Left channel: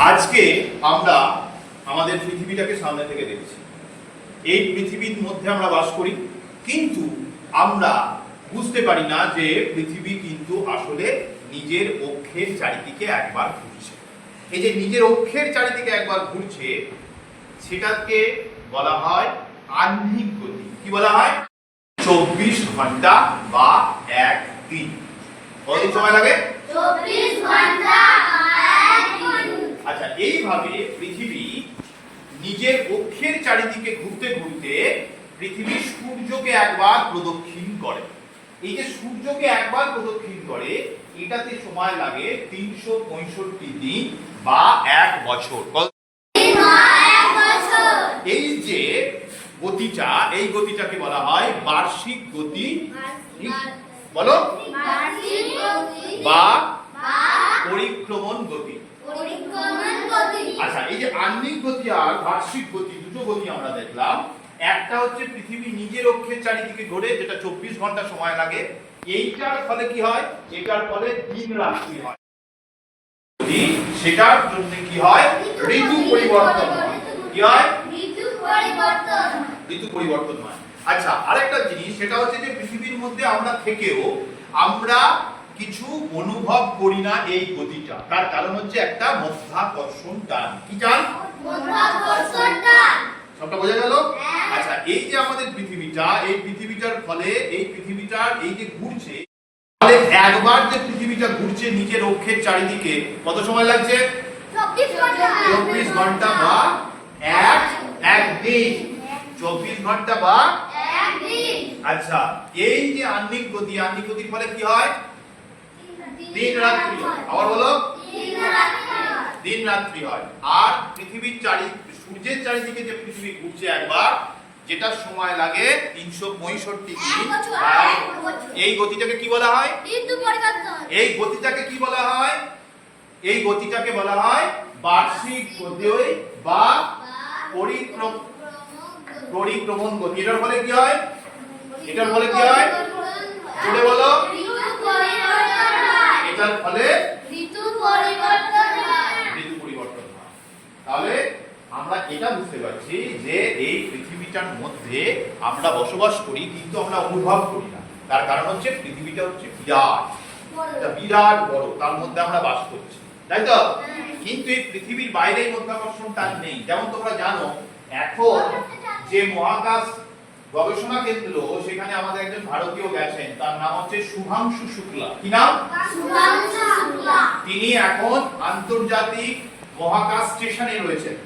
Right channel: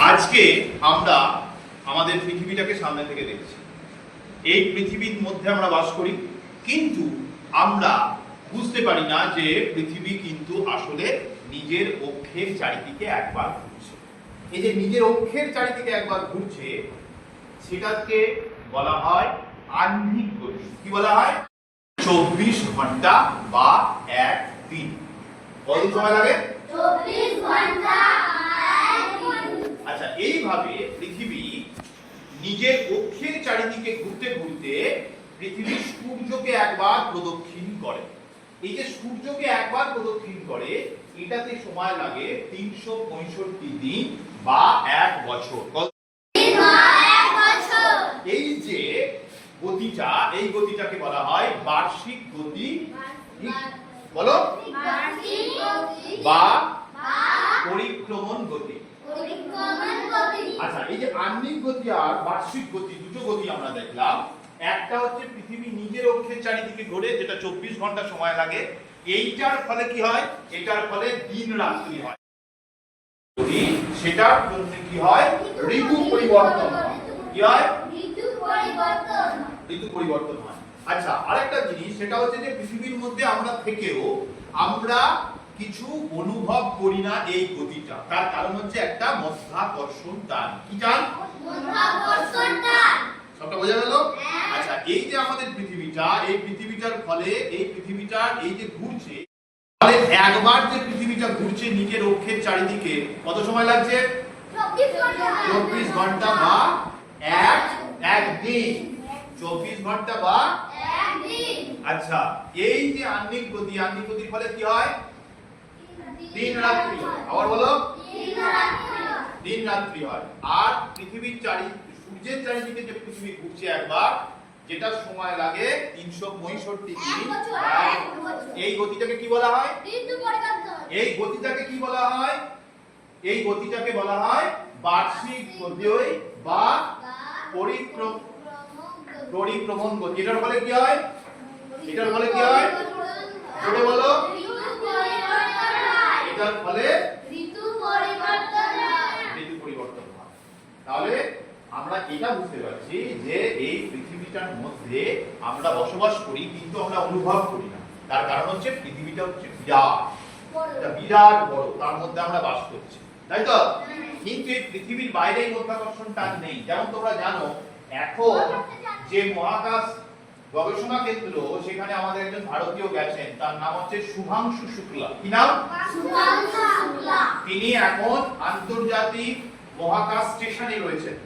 আজকে আমরা আমাদের পৃথিবীটাকে সামনে থেকে দেখছি। এই পৃথিবীর মধ্যে আমরা বাস করি, কিন্তু আমরা বুঝতে পারি না যে পৃথিবী কিন্তু আসলে নিজের অক্ষের চারিদিকে একবার ঘুরছে। এই যে নিজের অক্ষের চারিদিকে একবার ঘুরছে, সেটাকে বলা হয় আহ্নিক গতি। কি বলা হয়? 24 ঘন্টা বা এক দিন। কতদিন সময় লাগে? 24 ঘন্টা। আচ্ছা, এইভাবে পৃথিবী নিজের অক্ষের চারিদিকে ঘুরতে ঘুরতে পৃথিবী সূর্যকে একবার প্রদক্ষিণ করে। এই যে সূর্যকে একবার প্রদক্ষিণ করে, এটাতে সময় লাগে 365 দিন বা 1 বছর। এই যে গতিটা, এই গতিটাকে বলা হয় বার্ষিক গতি। বলো, বা পরিক্রমণ গতি। আচ্ছা, এই যে আহ্নিক গতি আর বার্ষিক গতি, দুটো গতি আমরা দেখলাম। একটা হচ্ছে পৃথিবী নিজের অক্ষের চারিদিকে ঘোরে, যেটা 24 ঘন্টা সময় লাগে। এইটার ফলে কি হয়? এটার ফলে দিন রাত্রি হয়। সেটার জন্য কি হয়? ঋতু পরিবর্তন হয়। কি হয়? ঋতু পরিবর্তন হয়। আচ্ছা, আরেকটা জিনিস, সেটা হচ্ছে যে পৃথিবীর মধ্যে আমরা থেকেও আমরা কিছু অনুভব করি না এই গতিটা। তার কারণ হচ্ছে একটা মাধ্যাকর্ষণ টান। কি টান? মাধ্যাকর্ষণ টান। সবটা বোঝা গেল? আচ্ছা, এই যে আমাদের পৃথিবীটা, এই পৃথিবীটার ফলে এই পৃথিবীটার এই যে ঘুরছে, তাহলে একবার যে পৃথিবীটা ঘুরছে নিজের অক্ষের চারিদিকে, কত সময় লাগছে? 24 ঘন্টা বা এক দিন। 24 ঘন্টা বা এক দিন। আচ্ছা, এই যে আহ্নিক গতি, আহ্নিক গতির ফলে কি হয়? দিন রাত্রি হয়। আবার বলো, দিন রাত্রি হয়। আর পৃথিবীর সূর্যের চারিদিকে যে পৃথিবী ঘুরছে একবার, যেটা সময় লাগে 365 দিন। এই গতিটাকে কি বলা হয়? ঋতু পরিবর্তন। এই গতিটাকে কি বলা হয়? এই গতিটাকে বলা হয় বার্ষিক গতি বা পরিক্রমণ গতি। এটার ফলে কি হয়? এটার ফলে কি হয়? জোরে বলো। এটার ফলে ঋতু পরিবর্তন হয়। ঋতু পরিবর্তন হয়। তাহলে আমরা এটা বুঝতে পারছি যে এই পৃথিবীটার মধ্যে আমরা বসবাস করি, কিন্তু আমরা অনুভব করি না। তার কারণ হচ্ছে পৃথিবীটা হচ্ছে বিরাট বড়, তার মধ্যে আমরা বাস করছি, তাই তো? কিন্তু এই পৃথিবীর বাইরে মাধ্যাকর্ষণ টান নেই। যেমন তোমরা জানো, এখন যে মহাকাশ গবেষণা কেন্দ্র, সেখানে আমাদের একজন ভারতীয় গেছেন, তার নাম হচ্ছে শুভাংশু শুক্লা। কি নাম? শুভাংশু শুক্লা। তিনি এখন আন্তর্জাতিক মহাকাশ স্টেশনে রয়েছেন।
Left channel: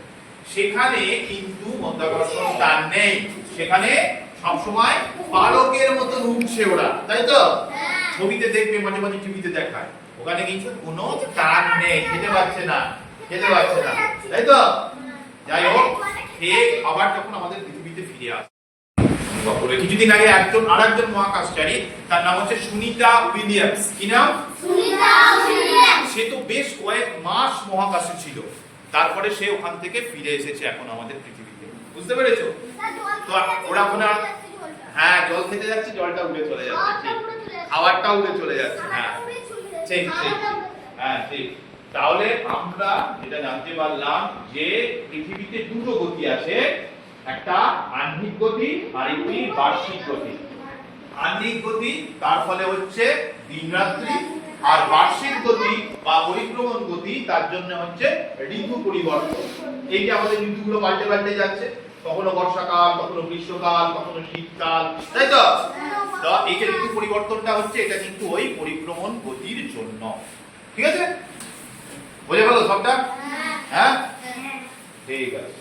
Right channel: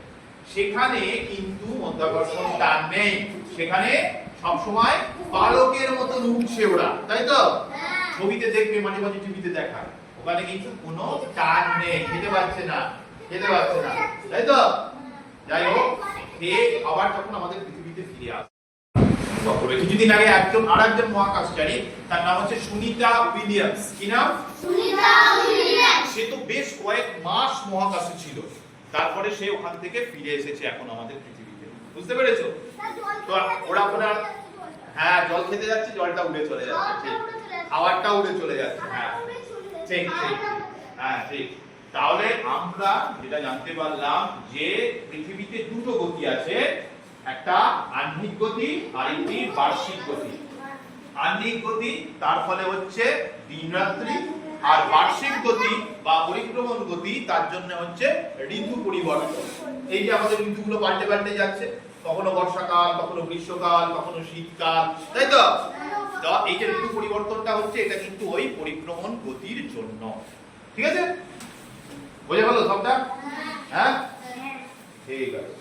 সেখানে কিন্তু মাধ্যাকর্ষণ টান নেই। সেখানে সবসময় পালকের মতন উঠছে ওরা, তাই তো? ছবিতে দেখবে, মাঝে মাঝে টিভিতে দেখায়, ওখানে কিন্তু কোনো টান নেই, খেতে পারছে না, তাই তো? যাই হোক, আবার যখন আমাদের পৃথিবীতে ফিরে আসে, কিছুদিন আগে আরেকজন মহাকাশচারী, তার নাম হচ্ছে সুনিতা উইলিয়ামস। কি নাম? সুনিতা উইলিয়ামস। সে তো বেশ কয়েক মাস মহাকাশে ছিল, তারপরে সে ওখান থেকে ফিরে এসেছে এখন আমাদের পৃথিবীতে। বুঝতে পেরেছো? তো ওরা ওনার, হ্যাঁ, জল খেতে যাচ্ছে, জলটা উড়ে চলে যাচ্ছে, ঠিক, খাবারটা উড়ে চলে যাচ্ছে, হ্যাঁ ঠিক ঠিক, হ্যাঁ ঠিক। তাহলে আমরা যেটা জানতে পারলাম যে পৃথিবীতে দুটো গতি আছে, একটা আহ্নিক গতি আর একটি বার্ষিক গতি। আহ্নিক গতি, তার ফলে হচ্ছে দিন রাত্রি, আর বার্ষিক গতি বা পরিক্রমণ গতি, তার জন্য হচ্ছে ঋতু পরিবর্তন। এই যে আমাদের ঋতুগুলো পাল্টে যাচ্ছে, কখনো বর্ষাকাল, কখনো গ্রীষ্মকাল, কখনো শীতকাল, তাই তো? এই যে ঋতু পরিবর্তনটা হচ্ছে, এটা কিন্তু ওই পরিক্রমণ গতির জন্য। ঠিক আছে? বোঝা গেল সবটা? হ্যাঁ, ঠিক আছে।